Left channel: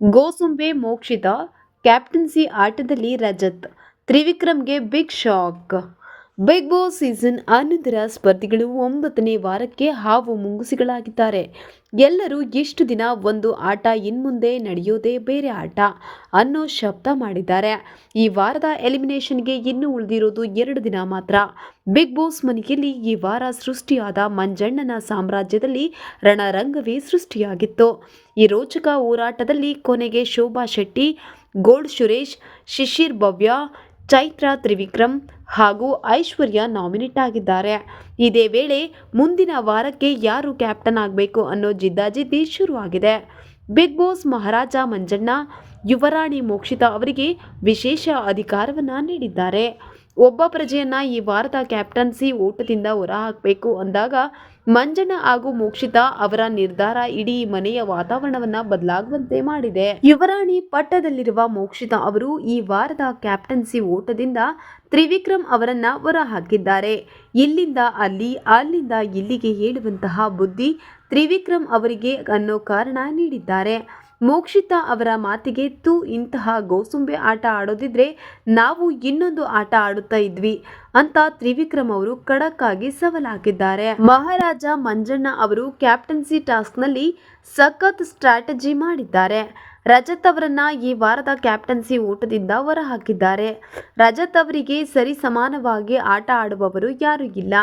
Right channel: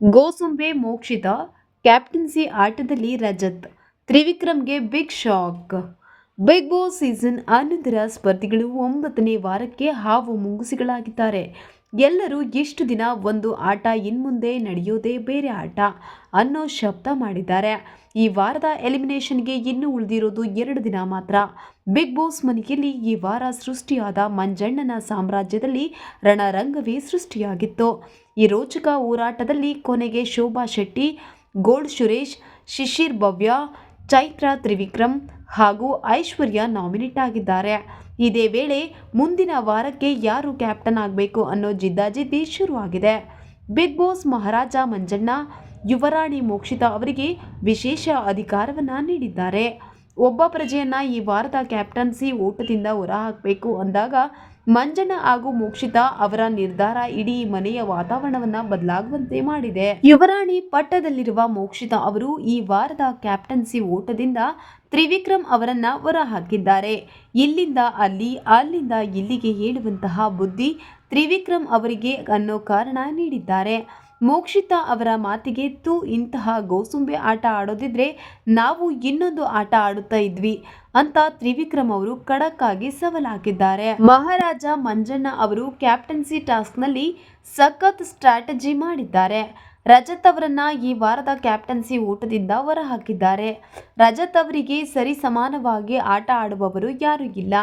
ಗೋಸುಂಬೆ Mokshitha captaincy ಆಟದಲ್ಲಿ Rajat ತ್ರಿವಿಕ್ರಮ್ಗೆ big shock big boss season ಹನ್ನೊಂದರ ಸ್ಪರ್ಧಿಗಳು ಒಂಬತ್ತನೇ ವಾರಕ್ಕೆ ಹಾವು ಮುಂಗುಸಿಗಳಾಗಿದ್ದಾರೆ. ಎಲ್ಲರೂ ಎಷ್ಟು ದಿನ ಒಂದು ಆಟ ಇನ್ಮುಂದೆ ನಡೆಯೋದೇ ಬೇರೆ ಆಟ ಅನ್ನೋ ಶಬ್ದ ಮಾಡಿದ್ದಾರೆ. ಈ ವಾರದ ಎಲಿಮಿನೇಷನ್ಗೆ ಇನ್ನೂ ಉಳಿದಿರೋದು ಎರಡು ದಿನ ಮಾತ್ರ. ಬಿಗ್ ಬಾಸ್ ಮನೆಯಲ್ಲಿ ಈ ವಾರ ಸೃಷ್ಟಿಯಾದ ಮಂಜಣ್ಣನ ಸಾಮ್ರಾಜ್ಯದಲ್ಲಿ ರಣರಂಗವೇ ಸೃಷ್ಟಿಯಾಗಿತ್ತು. ಈ ರೋಚಕ ಹೋರಾಟದಲ್ಲಿ ಕೊನೆಗೆ ಶೋಭಾ ಶೆಟ್ಟಿ ಗೋಲ್ಡ್ ಸುರೇಶ್, ಶಿಶಿರ್ ಭವ್ಯ ಚೈತ್ರ, ತ್ರಿವಿಕ್ರಮ್ ಹಾಗೂ ಐಶ್ವರ್ಯ ನಾಮಿನೇಟ್ ಆಗಿದ್ದಾರೆ. ಇದೇ ವೇಳೆ ಮುಂದಿನ ವಾರಕ್ಕೆ ಯಾರು ಕ್ಯಾಪ್ಟನ್ ಆಗಬೇಕು ಅನ್ನೋ ಜಿದ್ದಾಜಿದ್ದಿ ಶುರುವಾಗಿದೆ. ಬಿಗ್ ಬಾಸ್ ಮಹಾರಾಜ ಮಂಜಣ್ಣ, ಯುವರಾಣಿ ಮೋಕ್ಷಿತಾ ಅವರಿಗೆ ವಿಶೇಷ ಅಧಿಕಾರವನ್ನು ನೀಡಿದ್ದಾರೆ. ಒಬ್ಬ ಪ್ರಜೆಯನ್ನ ಈ ವಾರದ ಕ್ಯಾಪ್ಟನ್ಸಿ ಓಟದಿಂದ ಹೊರಹಾಕಬೇಕು ಅಂದಾಗ ಮಂಜನ ಹಾಗೂ ಮೋಕ್ಷಿತಾ ಅವರ ನಿರ್ಧಾರ ಇಡೀ ಮನೆಯ ವಾತಾವರಣವನ್ನ ಬದಲಾಗುವಂತೆ ಮಾಡಿದೆ. ಯುವರಾಣಿ ಪಟ್ಟದಲ್ಲಿರುವ ಮೋಕ್ಷಿತಾ ಅವರು ಈ ವಾರದ ಕ್ಯಾಪ್ಟನ್ಸಿ ಓಟದಿಂದ ತ್ರಿವಿಕ್ರಮ್ ಅವರನ್ನ ಹೊರಹಾಕಿದ್ದಾರೆ. ಇಲ್ಲಿಂದ ಅಲ್ಲಿ, ಅಲ್ಲಿಂದ ಇಲ್ಲಿಗೆ ಹೇಳುವಂತಹ ಬುದ್ಧಿ ತ್ರಿವಿಕ್ರಮ್ ಅವರಿಗೆ ಅನ್ನೋ ಕಾರಣ ನೀಡಿದ್ದಾರೆ. ಮೋಕ್ಷಿತಾ ಅವರ ಮಾತಿಗೆ ತೂ ಇಂತಹ ಗೋಸುಂಬೆ ಆಟ ಆಡೋದಿದ್ರೆ ನಾವು ಇನ್ನೊಂದು ಆಟ ಆಡುತ್ತಾ ಇದ್ವಿ ಅಂತ ತ್ರಿವಿಕ್ರಮ್ ಅವರು ಖಡಕ್ ಆಗಿ ಮಹಾರಾಜ ಮಂಜಣ್ಣ ಅವರು ಕ್ಯಾಪ್ಟನ್ಸಿ ಟಾಸ್ಕ್ನಲ್ಲಿ ಸಖತ್ ಸ್ಟ್ರಾಟಜಿ ಮಾಡಿದ್ದಾರೆ. ರಜತ್ ಅವರನ್ನ ಈ ವಾರದ ಕ್ಯಾಪ್ಟನ್ಸಿ ಊಟದಿಂದ ಹೊರಹಾಕಿದ್ದಾರೆ. ರಜತ್ ಅವರಿಗೆ ಸರಿ ಸಮಾನವಾಗಿ ಆಟ ಆಡುವವರು ಯಾರೂ ಇಲ್ಲ.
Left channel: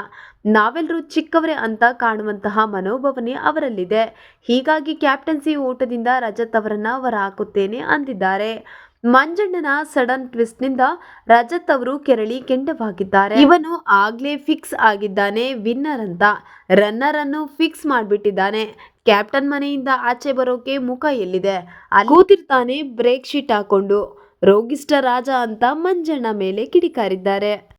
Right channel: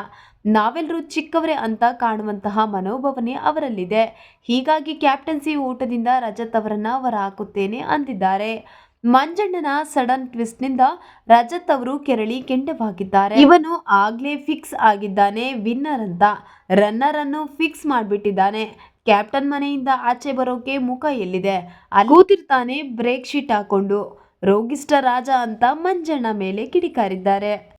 ನಾವೆಲ್ಲರೂ ಚಿಕ್ಕವರೇ ಅಂತ ಕಾಣುವಂತಹ ಮನೋಭಾವನೆ ಅವರಲ್ಲಿದೆ. ಹೀಗಾಗಿ ಕ್ಯಾಪ್ಟನ್ಸಿ ಊಟದಿಂದ ರಜತ್ ಅವರನ್ನ ಹೊರಹಾಕುತ್ತೇನೆ ಅಂದಿದ್ದಾರೆ. ಮಂಜಣ್ಣನ ಸಡನ್ ಟ್ವಿಸ್ಟ್ನಿಂದ ರಜತ್ ಅವರು ಕೆರಳಿ ಕೆಂಡವಾಗಿದ್ದಾರೆ. ಇವನು ಆಗ್ಲೇ ಫಿಕ್ಸ್ ಆಗಿದ್ದಾನೆ, ವಿನ್ನರ್ ಅಂತ. ರನ್ನರ್ ಅನ್ನು ಫಿಕ್ಸ್ ಮಾಡಿಬಿಟ್ಟಿದ್ದಾನೆ. ಕ್ಯಾಪ್ಟನ್ ಮನೆಯಿಂದ ಆಚೆ ಬರೋಕೆ ಮುಖ ಎಲ್ಲಿದೆ? ಅಲ್ಲಿ ಕೂತಿರ್ತಾನೆ ಬ್ರೇಕ್ ಶೀಟ್ ಹಾಕೊಂಡು. ರೋಗಿಷ್ಟ ರಾಜ ಅಂತ ಮಂಜಣ್ಣ ಮೇಲೆ ಕಿಡಿಕಾರಿದ್ದಾರೆ.